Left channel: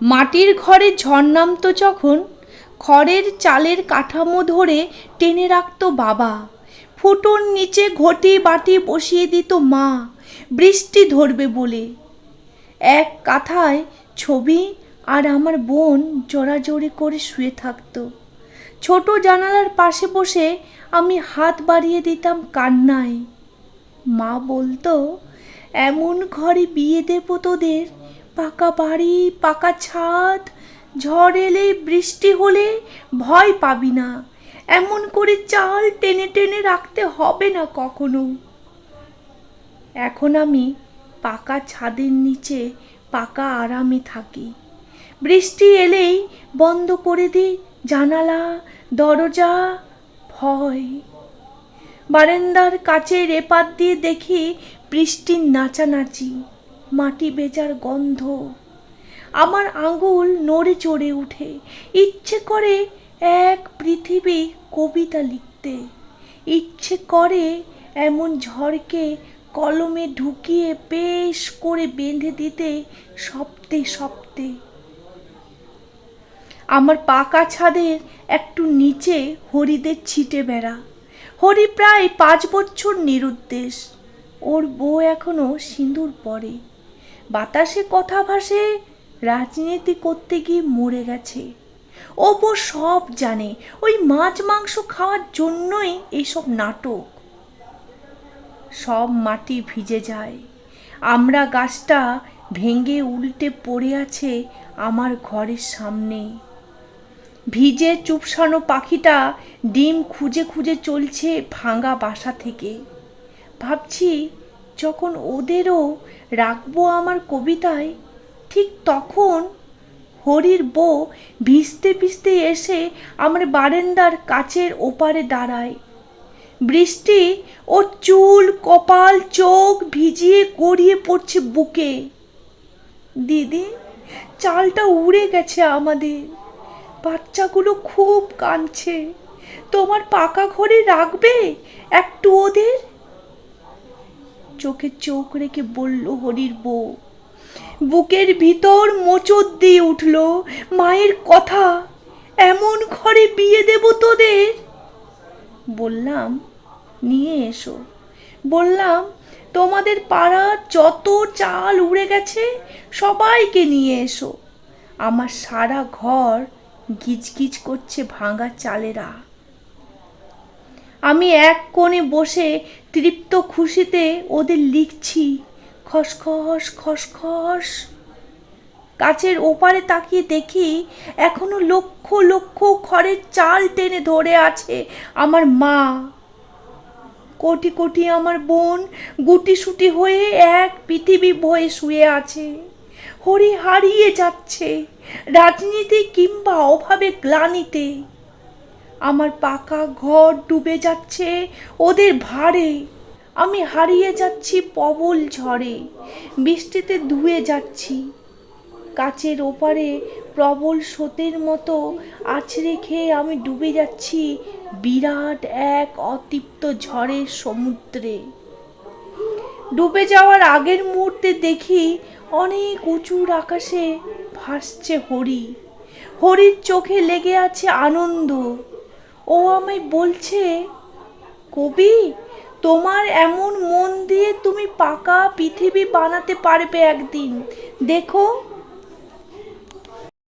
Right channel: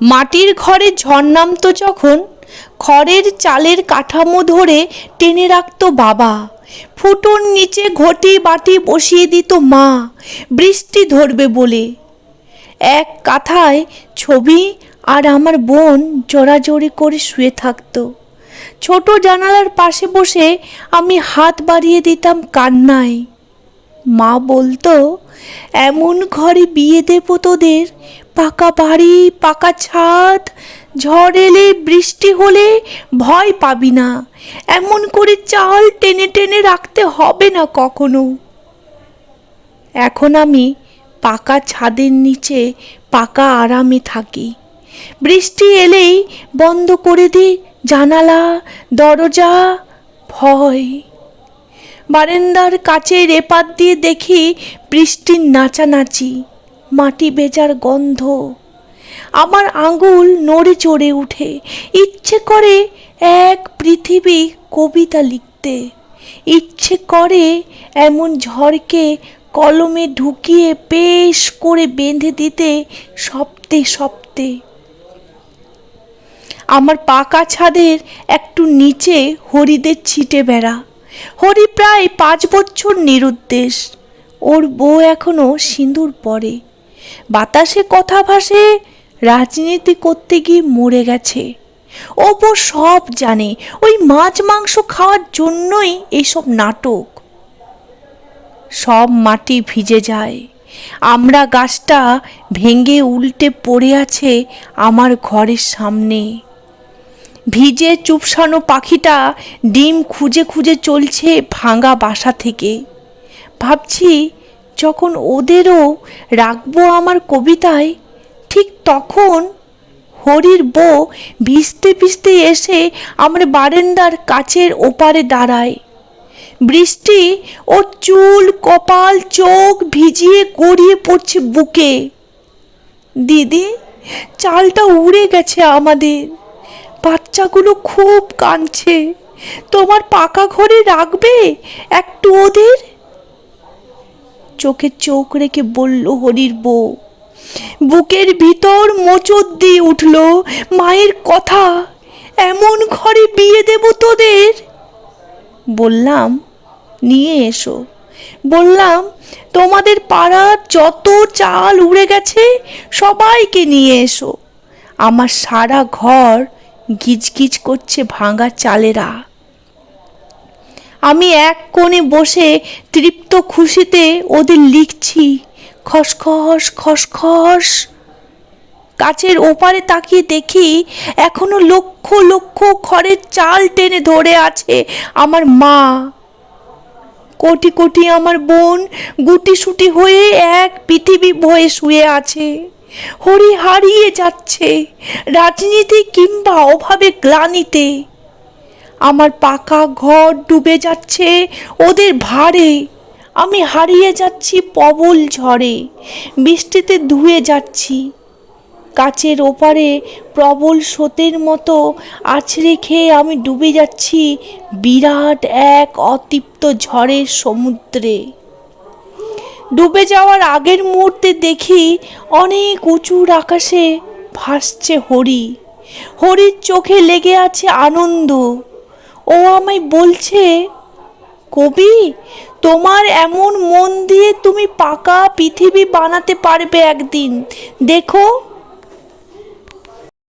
মাটির ঘরে ঝড় নামতো যখন, খড়ের চালের কাঠামো ধরে টেনে রাখতো বাবা। ফুটোর নিচে ঘটি বাটি বসিয়ে দিত মা, বৃষ্টি ধরবে বলে। এক কাঁথায় ছবি আর আমার বোন জোড়াজোড়ি করে শুয়ে থাকতো। ছোট জানালার পাশে বসে আমি হাত বাড়িয়ে দিতাম কান্নায়। মা বলতো, এমন ঘরে বিয়ে দেব তোদের, পাকা বাড়ি, পাকা ছাদ, ঝড় এলে বৃষ্টি হলে ভয় পাবি না, এমন করে চাল টেনে টেনে রাখতে হবে না কখনো। এখন আমি পাকা ছাদের নিচে পাকা আরামে থাকি। বৃষ্টি এলেই বন্ধ করে দিই জানালা দরজা, ভয়। বারান্দার কাচের এপাত দিয়ে দেখি বৃষ্টির নাচানাচি, মাটি ভেজার গন্ধ। আমার আঙুল নড়ে চড়ে উঠে, ইচ্ছে করে এক পৃথিবী কবিতা লিখতে। ইচ্ছে করে এমন ঝড়কে কলমে ঢুকিয়ে বেশ করে বেঁধে দিতে সপ্তে সপ্তে। আমার পাকা ছাদের একটু নিচে হরিদের ছিটে বেড়া। হরি প্রায় ৫ বছর নিরুদ্দেশ। ওর বউ এখনো সিঁদুর পরে। বাতাসে কথা ভাসে, রাজনীতি করতে গিয়ে মরে গেছে। ও বউ সব জানে, ওই মাছ মাংস খাওয়ার জন্যই এইসব নাটক। সব মাটি ভিজে যায়। আমরা গাছটা ভেঙে উল্টে পড়ে আছে আমার ঘরের সামনে। ভিজে চুপসানো পাখিটা ডিম খুঁজে খুঁজে চলছে ভাঙা বাসা থেকে। ভাবছি, যখন ওদেরও রাখবো আমার কবিতায়, ঠিক তখন হরির বউ ভিজতে ভিজতে এসে আমার বারান্দার কাচের ওপারে দাঁড়ায়। বৃষ্টি ওর চুল, কপাল, চোখ ভিজিয়ে গড়িয়ে পড়ছে বুকে। দিদি, চালটা উড়ে গেছে আমাদের, বাচ্চাগুলো খুব কাঁদছে, তোমার পাকা ঘরে রাখবে একটু ওদের? চোখে চোখ রেখে বলল হরির বউ। বুকের ভিতর মোচড় দিয়ে উঠল মায়ের কথা, এমন ঘরে বিয়ে দেব তোদের। বললাম, নিয়ে এসো। বললাম, তোমাদের পাড়ার যত চাল উড়ে গেছে সবাইকে নিয়ে এসো। আমার সারা ঘর গিজগিজ করছে ভাঙা চালেরা। আমি এক কোণে বসে তৃপ্ত খুশিতে ওদের লিখছি, খসখস খসখস। কাচের ওপারে তাকিয়ে দেখি এখনো লক্ষ লক্ষ খড়ের চাল টেনে ধরে আছে আমার মা। কোটি কোটি আমার বোন গুটিসুটি হয়ে এক পৃথিবী বয়ে শুয়ে আছে। হরি হারিয়ে যাচ্ছে রাজনীতি কিংবা অভাবে গ্লানিতে। আমার পাকা ঘর ডুবে যাচ্ছে ওদের ভারে। আমি হারিয়ে যাচ্ছি প্রবল ঝড়ে, বৃষ্টিতে ধুয়ে যাচ্ছি। কাচের ওপারে প্রবল স্রোতের মতো আছড়ে খেয়ে আমি ডুবে যাচ্ছি বিরাট এক অতৃপ্ত ঝড়ের সমুদ্রে। ডুবে যাওয়ার আগের মুহূর্তে দেখি অনেক উঁচুর আকাশে ভাসছে হরি। হরির চোখে লেগে আছে আনন্দ। ও আমায় বলছে, কবি, তোমার এমন মন দিয়ে তুমি পাকা পৃথিবী বানাতে পারবে একদিন, দেখো।